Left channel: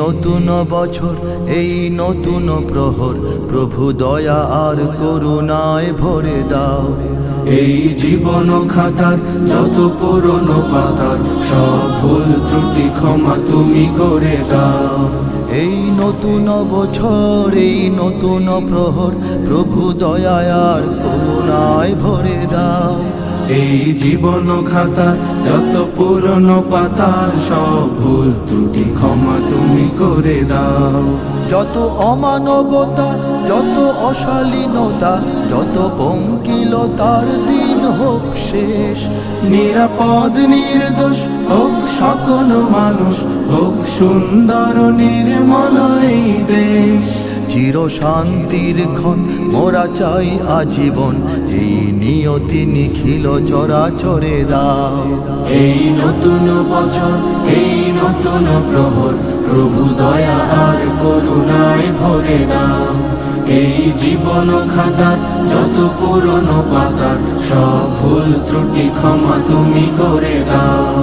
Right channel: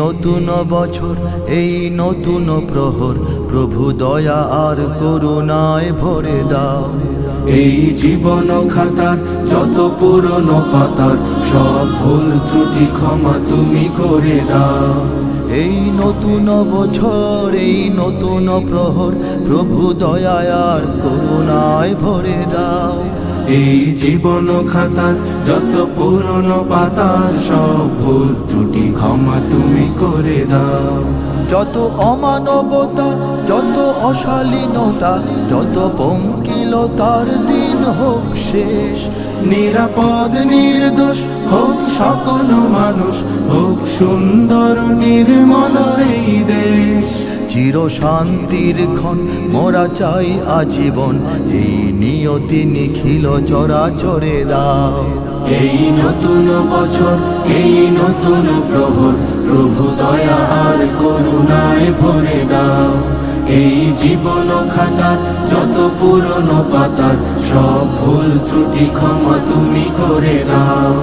নতুন বছর, এই নতুন প্রহর, প্রভু দয়া আর করুণায় ভরে দাও। এই জীবন খাতার যত পুরনো পাতার সব ভুল ত্রুটি ক্ষমা তুমি করে দাও। এই নতুন বছর, এই নতুন প্রহর, প্রভু দয়া আর করুণায় ভরে দাও। এই জীবন খাতার যত পুরনো পাতার সব ভুল ত্রুটি ক্ষমা তুমি করে দাও। যত অমানবতা, যত অশালীনতা, যত পঙ্কিলতার দিন হোক শেষ। নিরাপদ নির্দোষ হোক সকল মানুষ, হোক সুন্দর নির্মল এই দেশ। চির শান্তির ক্ষণ মোরা চাই আজীবন, এই নিয়তি নিখিল চরাচরে দাও। এই নতুন বছর, এই নতুন প্রহর, প্রভু দয়া আর করুণায় ভরে দাও। এই জীবন খাতার যত পুরনো পাতার সব ভুল ত্রুটি ক্ষমা তুমি করে দাও।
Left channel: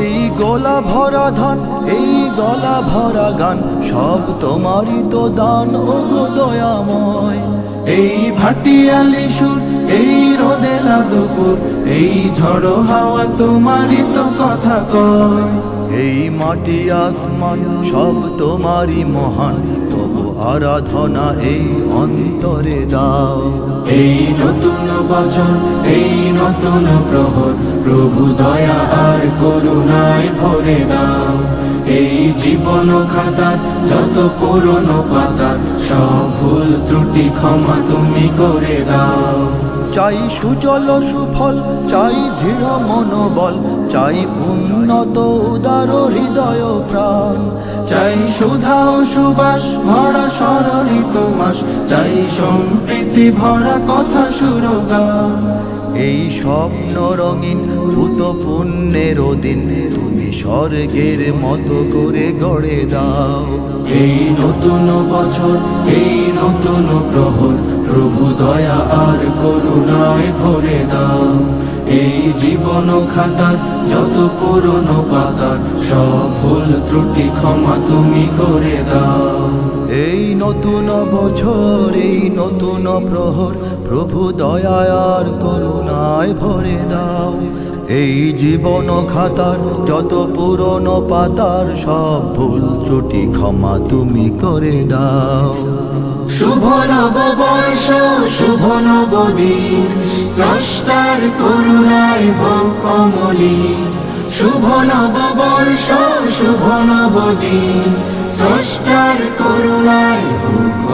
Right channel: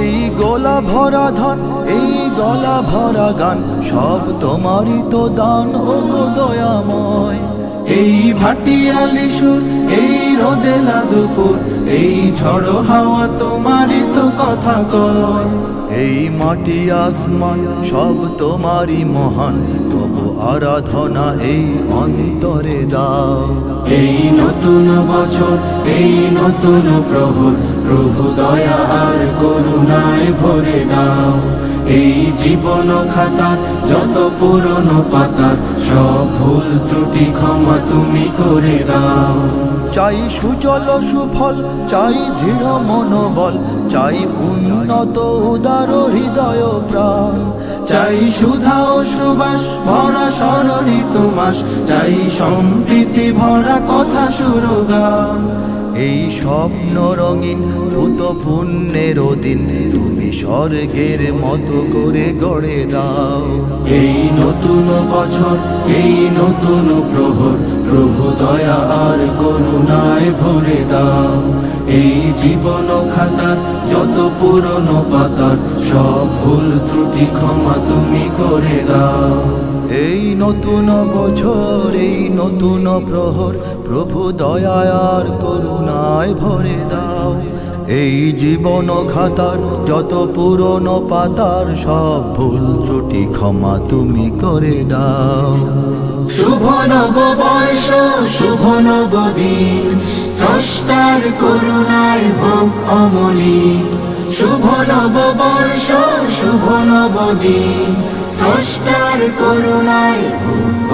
এই গলা ভরা ধান, এই গলা ভরা গান, সব তোমারই তো দান ওগো দয়াময়। এই ভাটিয়ালি সুর, এই রোদেলা দুপুর, এই ঝড়ো হাওয়া তোমারই তো কথা কয়। এই মাটি আসমান সব তোমারই মহান, তব আরাধনা এই অন্তরে দাও। এই নতুন বছর, এই নতুন প্রহর, প্রভু দয়া আর করুণায় ভরে দাও। এই জীবন খাতার যত পুরনো পাতার সব ভুল ত্রুটি ক্ষমা তুমি করে দাও। চাই সুজল সুফল, চাই দৃঢ় মনোবল, চাই উন্নত উদার হৃদয় প্রাণ। চাই সুধা ও সুবাস ভরা ষড়ঋতু মাস, চাই সম্প্রীতি ভরা কথা সুরগান। এই স্বপ্ন রঙিন ভূত পুণ্যের দিন তুমি স্বর্গের মতো করে গড়ে দাও। এই নতুন বছর, এই নতুন প্রহর, প্রভু দয়া আর করুণায় ভরে দাও। এই জীবন খাতার যত পুরনো পাতার সব ভুল ত্রুটি ক্ষমা তুমি করে দাও। এই নতুন বছর, এই নতুন প্রহর, প্রভু দয়া আর করুণায় ভরে দাও। এই জীবন খাতার যত পুরনো পাতার সব ভুল ত্রুটি ক্ষমা তুমি করে দাও। শুভ নববর্ষ, শুভ নবদিন, স্রষ্টার করুণায় হোক অমলিন। শুভ নববর্ষ, শুভ নবদিন, স্রষ্টার করুণায় হোক